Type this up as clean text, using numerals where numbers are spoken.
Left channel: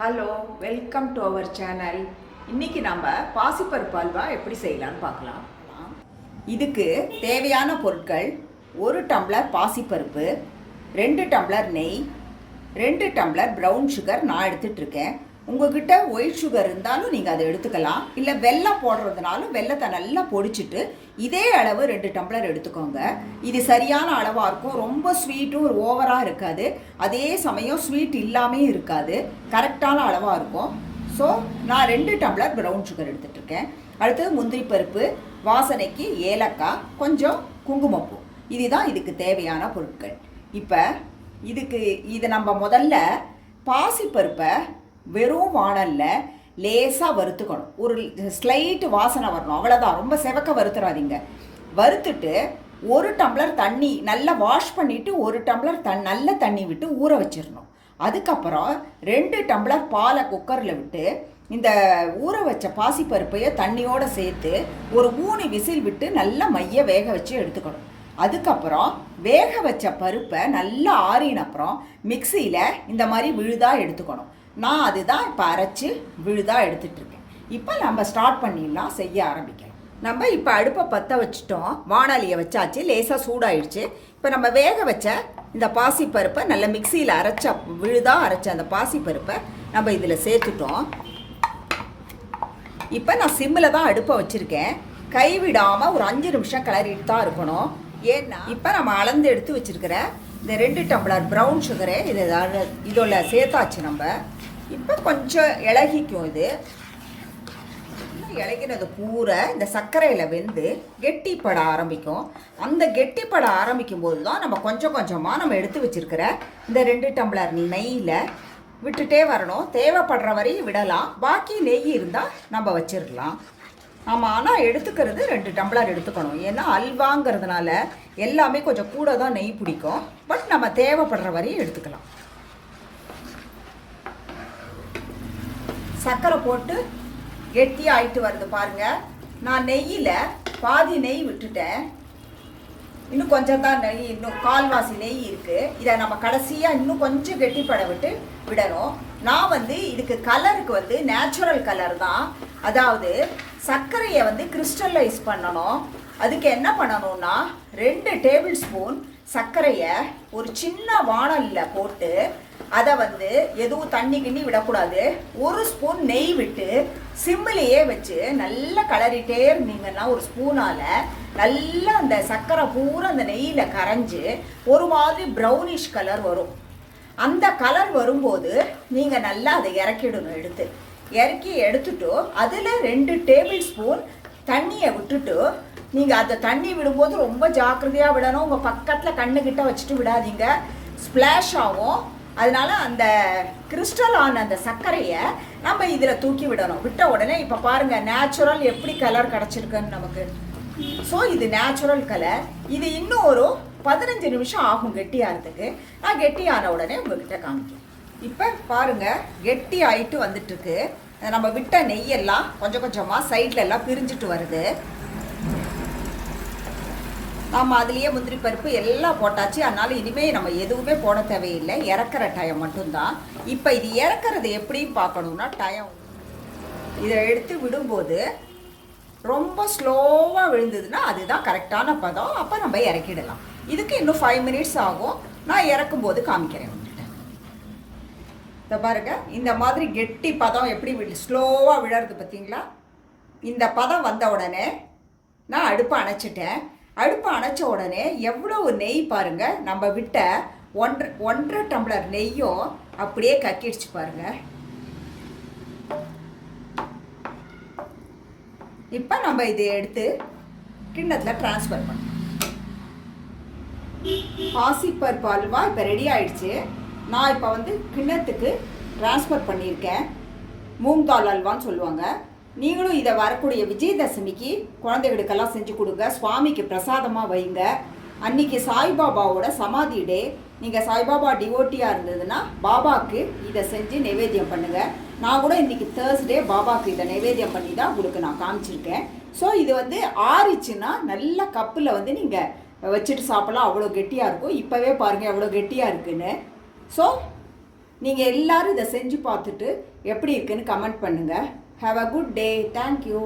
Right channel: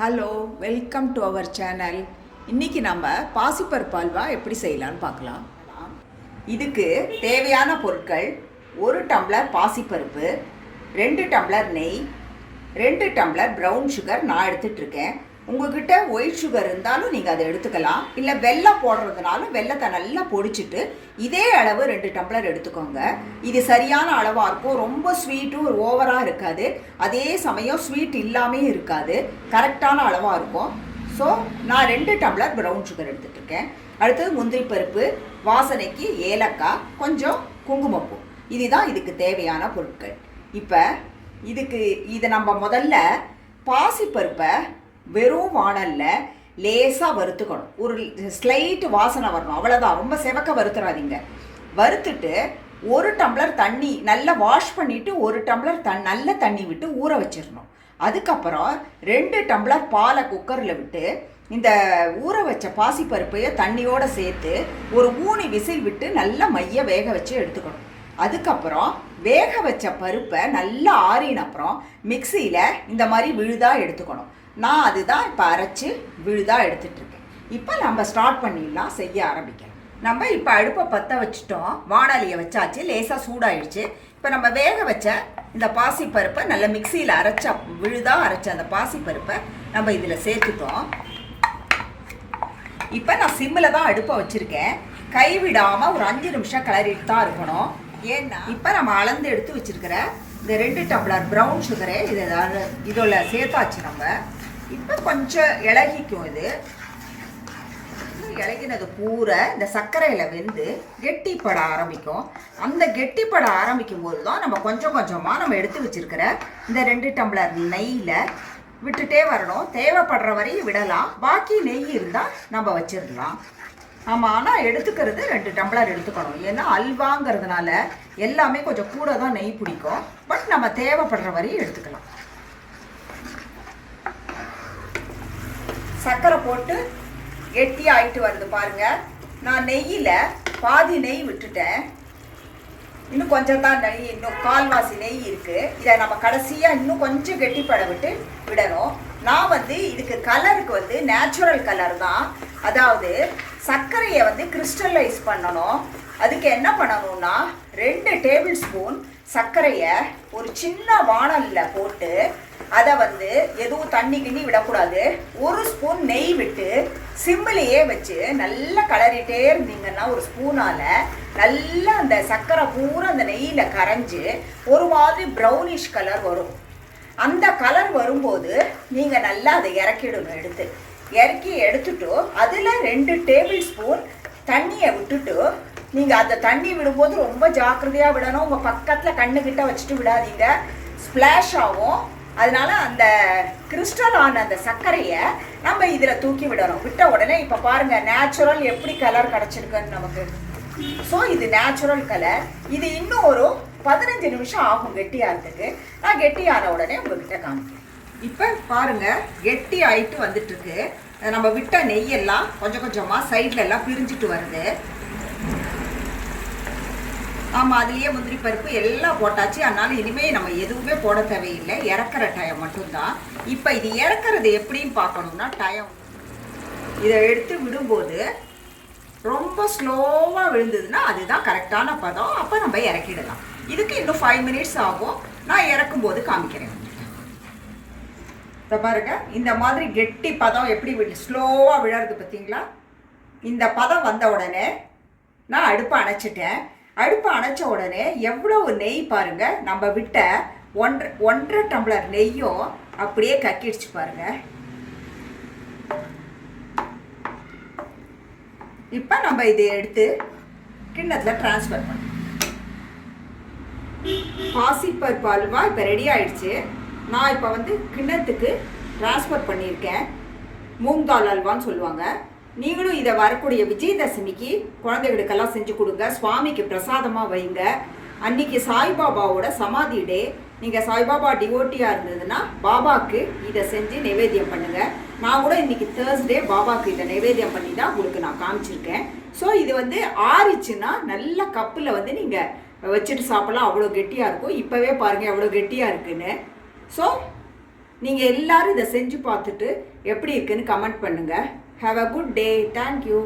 Hello, welcome to our channel. இன்றைக்கி நம்ம பாசிப்பருப்பு அல்வா எப்படி செய்யலான்னு பார்க்கலாம். இதுக்கு தேவையான பொருட்கள்: 1 டம்ளர் பாசிப்பருப்பு, 2 டம்ளர் நெய், 2 டம்ளர் ப்ரௌன் சுகர் நான் எடுத்துகிட்ருக்கேன். உங்கள்கிட்ட ஒயிட் சுகர் இருந்தாலும் நீங்கள் அதை எடுத்துக்கலாம். இல்லை வெல்லம் போடுறதுனாலும் வெல்லத்தை நல்லா பொடிச்சிட்டு இதே அளவு 2 டம்ளர் எடுத்துக்கோங்க. இது சரியான அளவாக இருக்கும். ரொம்ப ஸ்வீட்டும் ஓவராக இருக்காது, அதே சமயம் ஸ்வீட் இல்லாமல் இருக்காது. கரெக்டான அளவாக இருக்கும். ஸோ நான் 2 டம்ளர் ப்ரௌன் சுகர் எடுத்துகிட்ருக்கேன். அடுத்தது முந்திரி பருப்பு, வாசனைக்கு ஏலக்காய், கொஞ்சம் குங்குமப்பூ. இதுதான் இதுக்கு தேவையான பொருட்கள். இப்போ இதை நம்ம முதல்ல பாசிப்பருப்பை வெறும் வாணலில் லேசாக வறுத்துக்கணும். ஒரு ஸ்லைட்டு வாசனை வரணும், அவ்வளோதான். ரொம்ப செவக்க வறுத்துறாதீங்க. வறுத்துட்டு 1 டம்ளர் தண்ணி நல்லா வாஷ் பண்ணிவிட்டு 1 டம்ளர் நல்ல தண்ணி விட்டு ஊற வச்சிடணும். அதுக்கப்புறம் 2 டம்ளர் பாலை குக்கரில் விட்டு இந்த ஊற வச்ச பாசிப்பருப்பையை தண்ணியோடு சேர்த்து ஒரு 3 விசில் விட்டு நல்லா மைய வேக வச்சு எடுத்துக்கணும். அதுக்கப்புறம் வேக வச்ச பருப்பை நல்லா ஆறின அப்புறம் மிக்சியில் இந்த மாதிரி விழுதாக எடுத்துக்கணும். நான் அதுதான் இப்போ அரைச்சி விழுதாக எடுத்துகிட்ருக்கேன். இப்போ நம்ம ஸ்டார்ட் பண்ணிடலாம், செய்ய ஆரம்பிக்கலாம். நம்ம இப்போ அடுப்பை பற்ற வச்சுட்டோம், வாணலியை வச்சாச்சு, லேசாக சூடாயிடுச்சு. இப்போ நம்ம வேக வச்ச இந்த பாசிப்பருப்பை நல்லா மிக்சியில் விழுதாக அரைச்ச அந்த பாசிப்பருப்பை நம்ம இதில் சேர்த்துட்டோம். இப்போ நான் சிம்மில் தான் அடுப்பை வச்சுருக்கேன். கைவிடாமல் ஒரு 5 நிமிஷம் கிளறிட்டு தான் இருக்கணும். ஏன்னா இப்போ நம்ம அளந்து எடுத்து வச்சுருக்கிற இந்த 2 டம்ளர் ப்ரௌன் சுகரே இதோட சேர்த்தாச்சு. நம்ம இப்போ கொஞ்சம் இலகிக்கும். இது இலகினது பூரா இந்த சர்க்கரையில் வெந்து கெட்டிப்பட ஆரம்பிக்கும். அந்த கெட்டிப்பட ஆரம்பிக்கும் போது தான் நம்ம கொஞ்சம் கொஞ்சமாக நம்ம எடுத்து வச்சுருக்கிற இந்த 2 டம்ளர் நெய்யில் விட்டுட்டே வரணும். தேவைப்படுற வரையும் விடலாம், பாக்கி நெய் இருந்தால் நம்ம வச்சிடலாம். ஆமாம், ஆனால் எடுத்துக்கிறது 2 டம்ளர் எடுத்துக்கணும். ஏன்னா அல்வாங்கிறதுனால எல்லாமே கொஞ்சம் கூட தான் நெய் பிடிக்கும். பட் நம்ம தேவைப்படுற வரையும் எடுத்துக்கலாம். சர்க்கரை போட்டு கெட்டி ஆகிட்டு வருது பாருங்கள். நான் நெய்யில் பாதி நெய் விட்டுட்டேன். இன்னும் கொஞ்சம் தான் நெய், இன்னும் கால்வாசி நெய் இருக்குது. இதை நம்ம கடைசியாக இன்னும் கொஞ்சம் கெட்டிப்பட விடணும். நான் இதுக்கு கலருக்கு நேச்சுரல் கலர் தான். அதாவது சர்க்கரையை கிறிஸ்டலைஸ் பண்ணணும். அதுக்கு என்ன பண்ணணும்னா 2 டேபிள் ஸ்பூன் சர்க்கரையை ஒரு சின்ன வாணலில் போட்டு அதை எதுவும் தண்ணி கிண்ணி விடக்கூடாது. 1 ஸ்பூன் நெய் விட்டு சிம்மிலேயே வச்சு நல்லா கிளறிட்டே இருந்தீங்கன்னா ஒரு ஸ்பூனால் நல்லா அந்த சர்க்கரை பூரா அந்த நெய்யில் கரைஞ்சி ஒரு மாதிரி ப்ரௌனிஷ் கலர் வரும். அந்த கலர் வரும்போது நீங்கள் நல்லா அதை இறக்கிடணும். இறக்கி எடுத்துட்டு அதில் 2 டேபிள் ஸ்பூன் தண்ணியை விட்டுட்டு, நீங்கள் அந்த தண்ணி விடும்போது ரொம்ப ஜாக்கிரதையாக விடணும். உங்கள் பக்கத்தில் கண்ணுக்கிட்ட வச்சுட்டு விடாதீங்க, ஸ்ப்ளாஷ் ஆகும். அதனால அந்த கிறிஸ்டலான அந்த சர்க்கரையை நம்ம இதில் தூக்கி விடணும். விட்ட உடனே இப்போ பாருங்கள், நேச்சுரல் எப்படி கலர் கிடச்சிருக்குன்னு நமக்கு. ஸோ இது நேச்சுரல் கலர். இது இன்னும் ஒரு 15 நிமிஷம் ஆகும் கெட்டியாகிறதுக்கு. நான் கெட்டியான உடனே உங்கள்கிட்ட காமிக்கிறேன். இப்போ பாருங்கள், கெட்டி ஆகிட்டு வந்துட்டுருக்கு. நம்ம விட்ட நெய்யெல்லாம் கொஞ்சம் கொஞ்சமாக சைடில் எல்லாம் பிரிஞ்சிட்டு வருது. ஆமாம், அதுலேயே முந்திரி பருப்பு எல்லாம் போட்டாச்சு. அதனால் இனிமேல் நம்ம எதுவுமே போட தேவையில்லை, இறக்குற டைம் மட்டும்தான். இப்போ இது இறக்குறது எப்படின்னு பார்க்கணுன்னா, இதை எடுத்து விடும்போது ரொம்ப ஸ்லோவாக விழுந்ததுன்னா அதுதான் கரெக்டான பதம். அப்போ நம்ம இறக்கிடலாம். இதுக்கு இன்னும் 5 மினிட்ஸ் ஆகும். நான் இறக்கும்போது காமிக்கிறேன். இதை பாருங்க, இந்த மாதிரி கெட்டி பதம் எப்படி ஸ்லோவாக விழறது பார்த்தீங்களா? இந்த பதம் வந்த உடனே நான் அடுப்பை அணைச்சிட்டேன். அடுப்பை அணைச்ச உடனே எவ்வளவு நெய் பாருங்கள். நம்ம விட்ட 1.5 டம்ளர் நெய்யும் அப்படியே கக்கிடுச்சு பாருங்கள். இப்போ நம்ம இதை எடுத்து கிண்ணத்தில் ட்ரான்ஸ்ஃபர் பண்ணோம். பாசிப்பருப்பு அல்வா இப்போ ரெடி ஆயிடுச்சு. நான் இப்போ கிண்ணத்துக்கு ட்ரான்ஸ்ஃபர் பண்ணியிருக்கேன். மூங் தால் அல்வான்னு சொல்லுவாங்க. நீங்களும் இதை வரக்கூடிய விஜயதசமிக்கு குழந்தைகளுக்கெல்லாம் செஞ்சு கொடுங்க. சுவாமிக்கு பிரசாதமாக வைங்க. அன்றைக்கி சாய்பாபாவோட சமாதி டே. நீங்கள் சாய்பாபா டிவோட்டியாக இருந்ததுன்னா பாபாவுக்கு இதை செஞ்சு நைவேத்தியம் பண்ணுங்கள். நான் கூட இன்றைக்கி தேர்ஸ்டே பாபாவுக்கு இதை நைவேத்தியம் பண்ணி தான் உங்களுக்கு நான் காமிச்சிருக்கேன். ஸோ இது ஆறிச்சுன்னா நல்ல கப்பில் நீங்கள் வச்சுட்டு சாப்பிட்லாம். அவ்வளோ கெட்டியாக இருக்கும். இப்போவே பாருங்கள் எவ்வளோ கெட்டியாக இருக்குன்னு. ஸோ நீங்கள் எல்லாரும் இதை செஞ்சு பார்த்துட்டு எப்படி இருக்குன்னு கமெண்ட் பண்ணுங்கள். Have a good day. Thank you.